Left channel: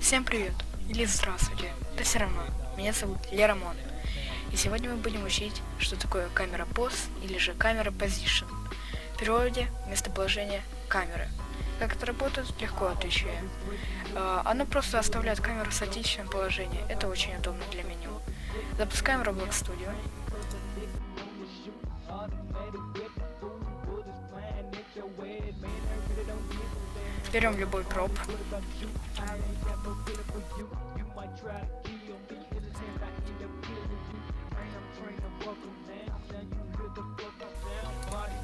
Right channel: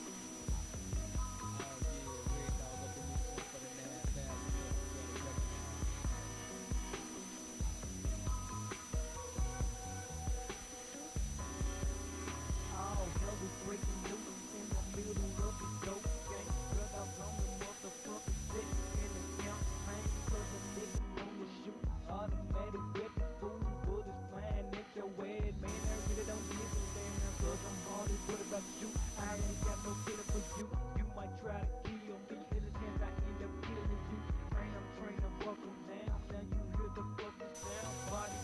Всем привет, или здравствуйте, да все равно, меня зовут Лерамон, и сегодня мы будем учить, что такое камера POZ или же камера Position. В переводе местоположение камеры. Как это работает, легко отвечаю. Она просто оставляет камеру в статичном положении, это очень удобно для меню. Запускаем Roblox Studio. Берем любой кроп.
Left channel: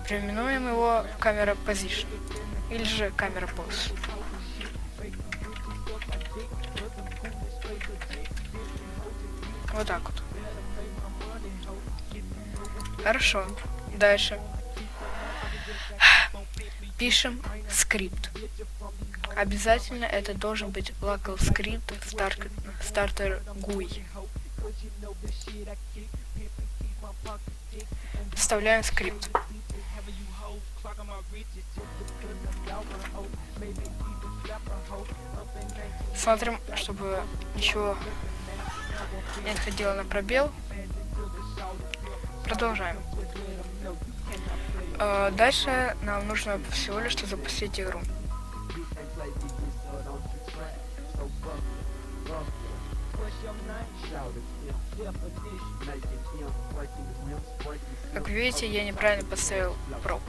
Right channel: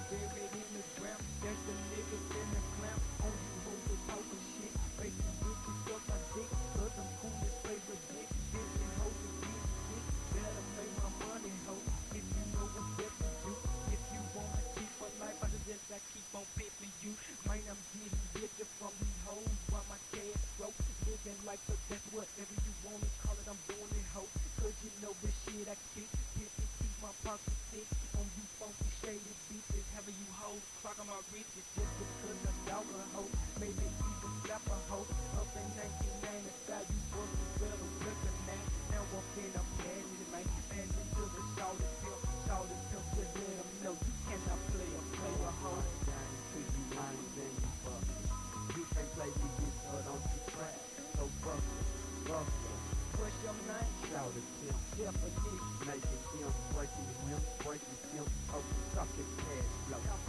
Переименуем его камера Position или же камера POZ. Вот так вот. Хорошо. Дальше. Пишем скрипт. Обязательно это должен быть local скрипт starter GUI. Вставляем скрипт. Смотрим, чтобы ничего не отходило на пробел. Продолжаем. Дальше нам нужно всего лишь запустить игру. Как видите, я неправильно поставил проб.